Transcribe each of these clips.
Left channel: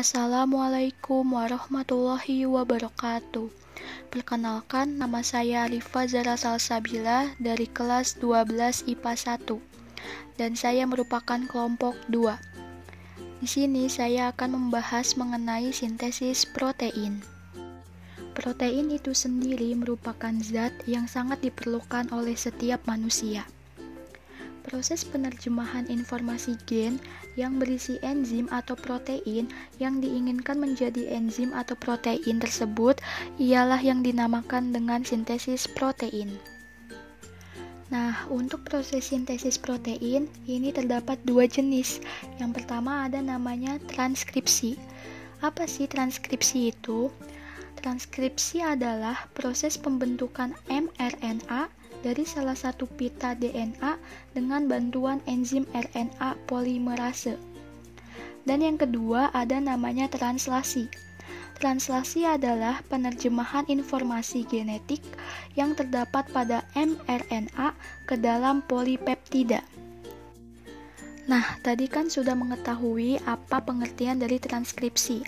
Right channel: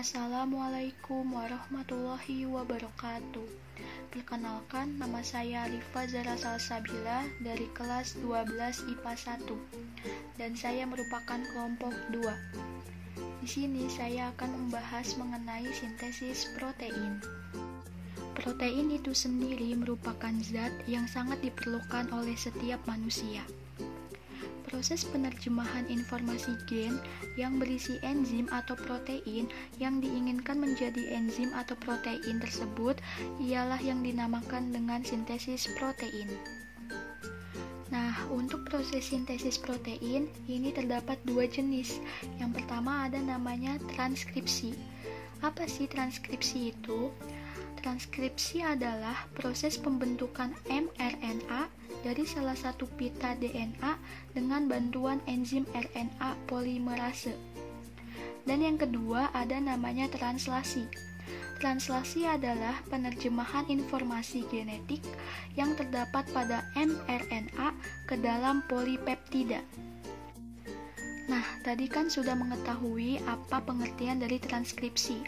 Assalamualaikum warahmatullahi wabarakatuh. Perkenalkan, nama saya Alifa Zara Salsabila dari kelas 12 IPA 1 dan saya merupakan kelompok 2. Di sini saya akan membahas mengenai sintesis protein. Protein itu sendiri merupakan zat yang sangat diperlukan oleh setiap manusia. Proses penerjemahan informasi gen yang berisi enzim atau protein yang diinginkan menjadi enzim atau protein tersebut ialah yang dinamakan dengan sintesis protein. Nah, untuk proses sintesis protein ini terdapat dua jenis. Yang pertama ada namanya transkripsi. Apa sih transkripsi itu? Transkripsi adalah proses pembentukan mRNA dari salah satu pita DNA dengan bantuan enzim RNA polimerase. Dan yang kedua ada namanya translasi. Translasi adalah penerjemahan informasi genetik yang terdapat pada mRNA ke dalam polipeptida. Nah, tadi kan sudah mengetahui apa pengertian dari transkripsi.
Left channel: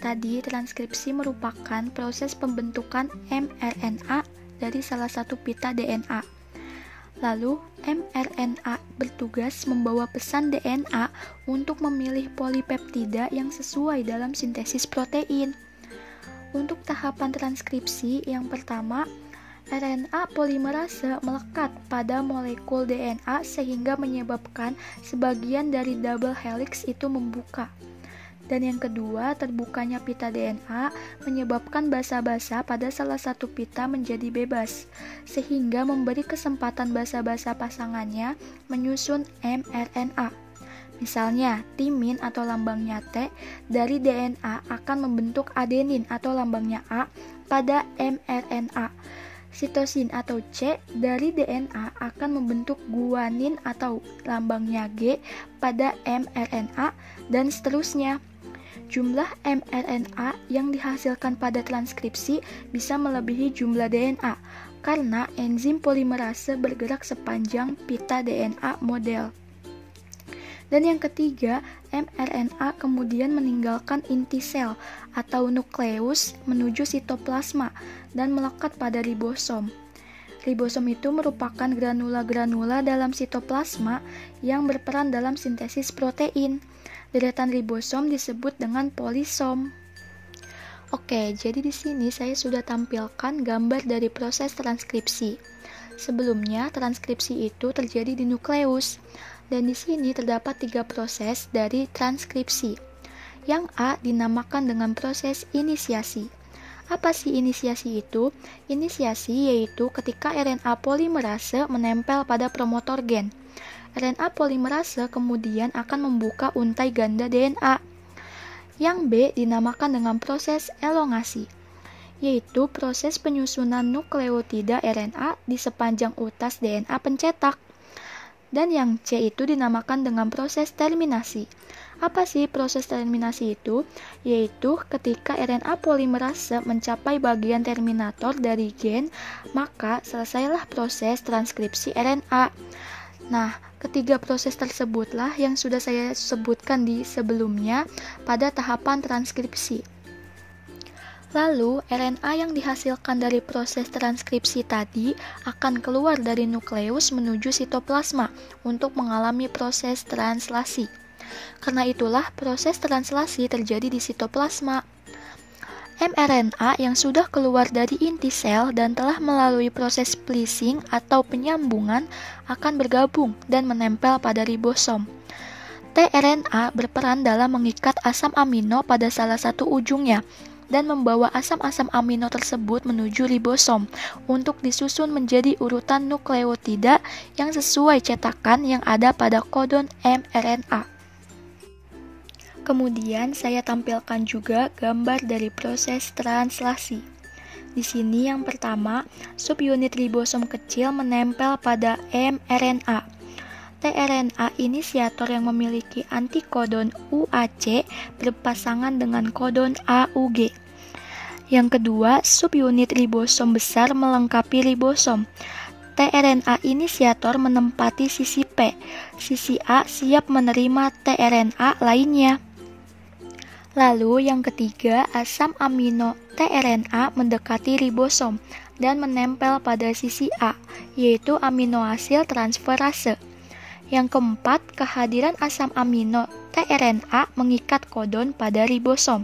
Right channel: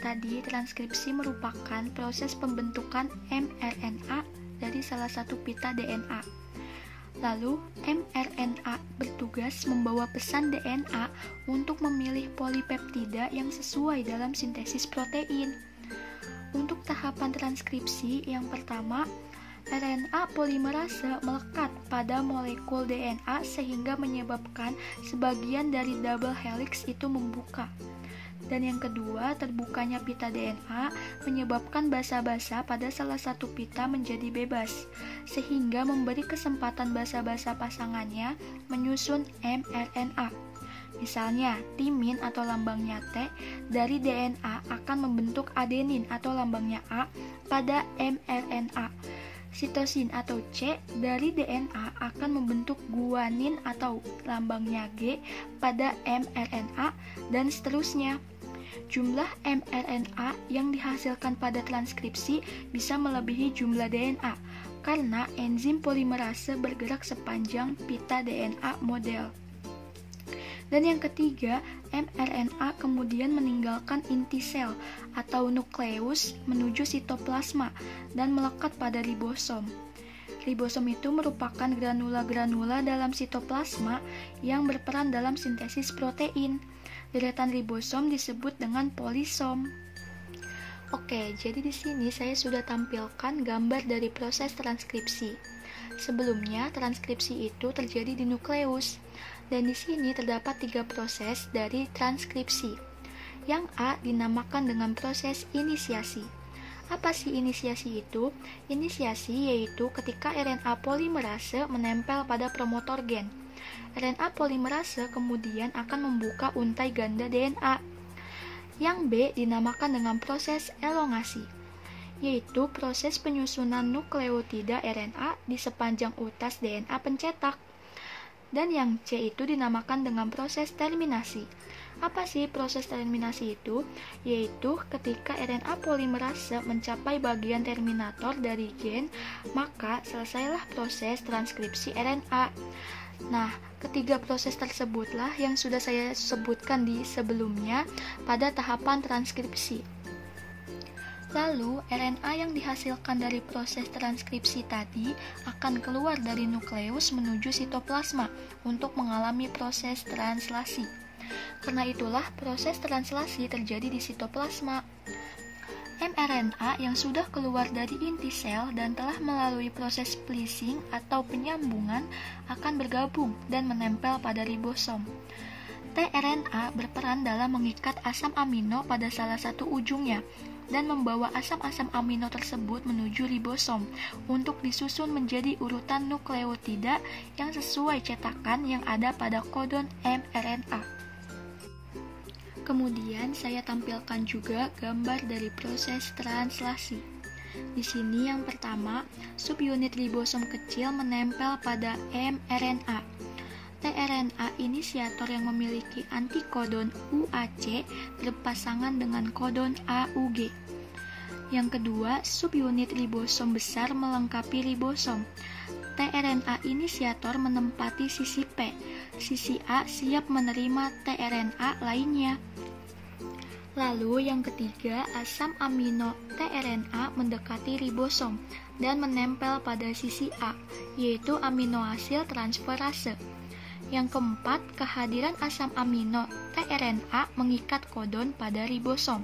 Tadi transkripsi merupakan proses pembentukan mRNA dari salah satu pita DNA. Lalu, mRNA bertugas membawa pesan DNA untuk memilih polipeptida yang sesuai dalam sintesis protein. Untuk tahapan transkripsi, yang pertama, RNA polimerase melekat pada molekul DNA sehingga menyebabkan sebagian dari double helix itu membuka. Dan yang kedua, terbukanya pita DNA menyebabkan basa-basa pada salah satu pita menjadi bebas, sehingga memberi kesempatan basa-basa pasangannya menyusun mRNA. Misalnya, timin atau lambangnya T dari DNA akan membentuk adenin atau lambangnya A pada mRNA. Sitosin atau C dari DNA akan membentuk guanin atau lambangnya G pada mRNA, dan seterusnya. Jumlah mRNA yang dihasilkan pada transkripsi bisa melebihi jumlah DNA karena enzim polimerase bergerak sepanjang pita DNA model. Dan yang ketiga, mRNA kemudian meninggalkan inti sel atau nukleus menuju sitoplasma dan melekat pada ribosom. Ribosom itu merupakan granula-granula dalam sitoplasma yang berperan dalam sintesis protein. Deretan ribosom disebut dengan polisom. Oke, jadi di sini saya sudah tampilkan gambar dari proses transkripsi. Sebelumnya, transkripsi itu terjadi di nukleus. Dan di sini terdapat 3 proses dari transkripsi. Yang A dinamakan dengan proses inisiasi. Apa sih inisiasi itu? Inisiasi yaitu ketika RNA polimerase menempel pada promotor gen. RNA polimerase kemudian akan membuka untai ganda DNA. Yang B dinamakan dengan proses elongasi, yaitu proses penyusunan nukleotida RNA di sepanjang utas DNA pencetak. Dan yang C itu dinamakan dengan proses terminasi. Apa sih proses terminasi itu? Yaitu ketika RNA polimerase mencapai bagian terminator dari gen, maka selesailah proses transkripsi RNA. Nah, ketiga proses tersebutlah yang sudah saya sebutkan di sebelumnya pada tahapan transkripsi. Lalu, RNA yang dihasilkan dari proses transkripsi tadi akan keluar dari nukleus menuju sitoplasma untuk mengalami proses translasi. Karena itulah proses translasi terjadi di sitoplasma. mRNA yang sudah keluar dari inti sel dan telah melalui proses splicing atau penyambungan akan bergabung dan menempel pada ribosom. tRNA berperan dalam mengikat asam amino pada salah satu ujungnya dan membawa asam-asam amino tersebut menuju ribosom untuk disusun menjadi urutan nukleotida yang sesuai cetakan yang ada pada kodon mRNA. Kemudian saya tampilkan juga gambar dari proses translasi. Di sini yang pertama, subunit ribosom kecil menempel pada mRNA. tRNA inisiator yang memiliki antikodon UAC berpasangan dengan kodon AUG. Yang kedua, subunit ribosom besar melengkapi ribosom. tRNA inisiator menempati sisi P. Sisi A siap menerima tRNA lainnya. Lalu yang ketiga, asam amino tRNA mendekati ribosom dan menempel pada sisi A, yaitu aminoasil transferase. Yang keempat, kehadiran asam amino tRNA mengikat kodon pada ribosom.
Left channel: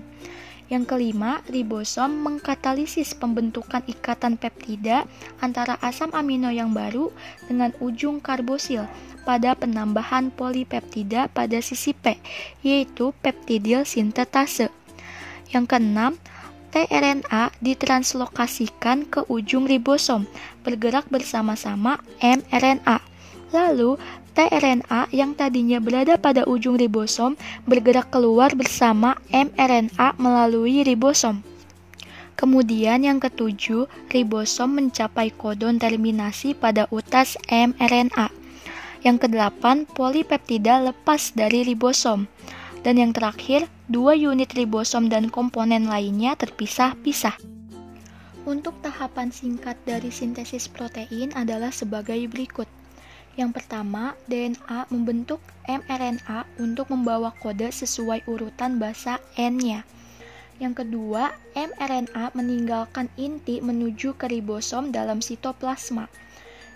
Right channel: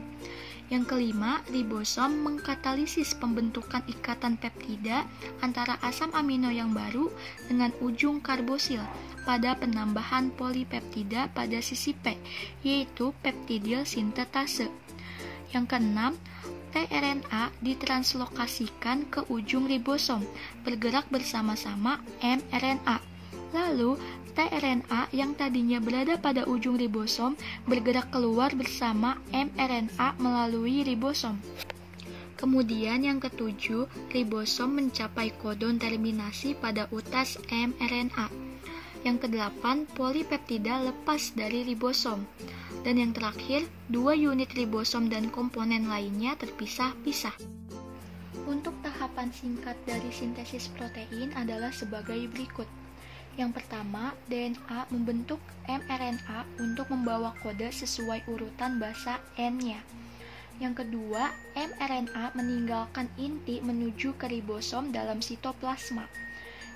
Yang kelima, ribosom mengkatalisis pembentukan ikatan peptida antara asam amino yang baru dengan ujung karbosil pada penambahan polipeptida pada sisi P, yaitu peptidil sintetase. Yang keenam, tRNA ditranslokasikan ke ujung ribosom, bergerak bersama-sama mRNA. Lalu, tRNA yang tadinya berada pada ujung ribosom bergerak keluar bersama mRNA melalui ribosom. Kemudian yang ketujuh, ribosom mencapai kodon terminasi pada utas mRNA. Yang kedelapan, polipeptida lepas dari ribosom. Dan yang terakhir, 2 unit ribosom dan komponen lainnya terpisah-pisah. Untuk tahapan singkat dari sintesis protein adalah sebagai berikut. Yang pertama, DNA membentuk mRNA untuk membawa kode sesuai urutan basa N-nya. Yang kedua, mRNA meninggalkan inti menuju ke ribosom dalam sitoplasma.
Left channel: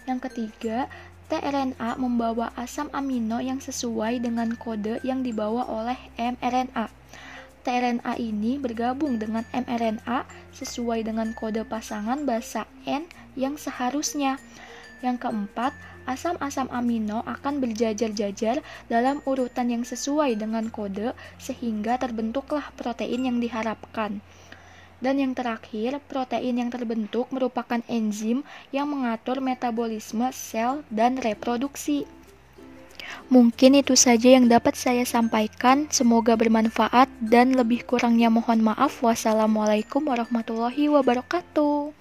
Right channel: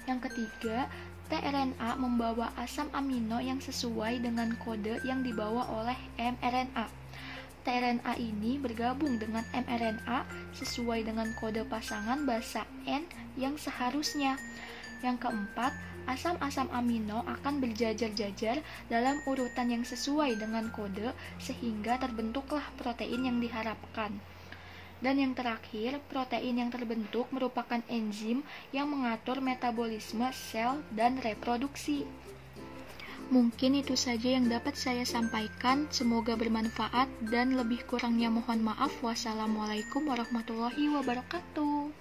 Yang ketiga, tRNA membawa asam amino yang sesuai dengan kode yang dibawa oleh mRNA. tRNA ini bergabung dengan mRNA sesuai dengan kode pasangan basa N yang seharusnya. Yang keempat, asam-asam amino akan berjajar-jajar dalam urutan yang sesuai dengan kode sehingga terbentuklah protein yang diharapkan. Dan yang terakhir, protein yang terbentuk merupakan enzim yang mengatur metabolisme sel dan reproduksi. Mungkin itu saja yang dapat saya sampaikan. Semoga bermanfaat dan lebih kurangnya mohon maaf. Wassalamualaikum warahmatullahi wabarakatuh.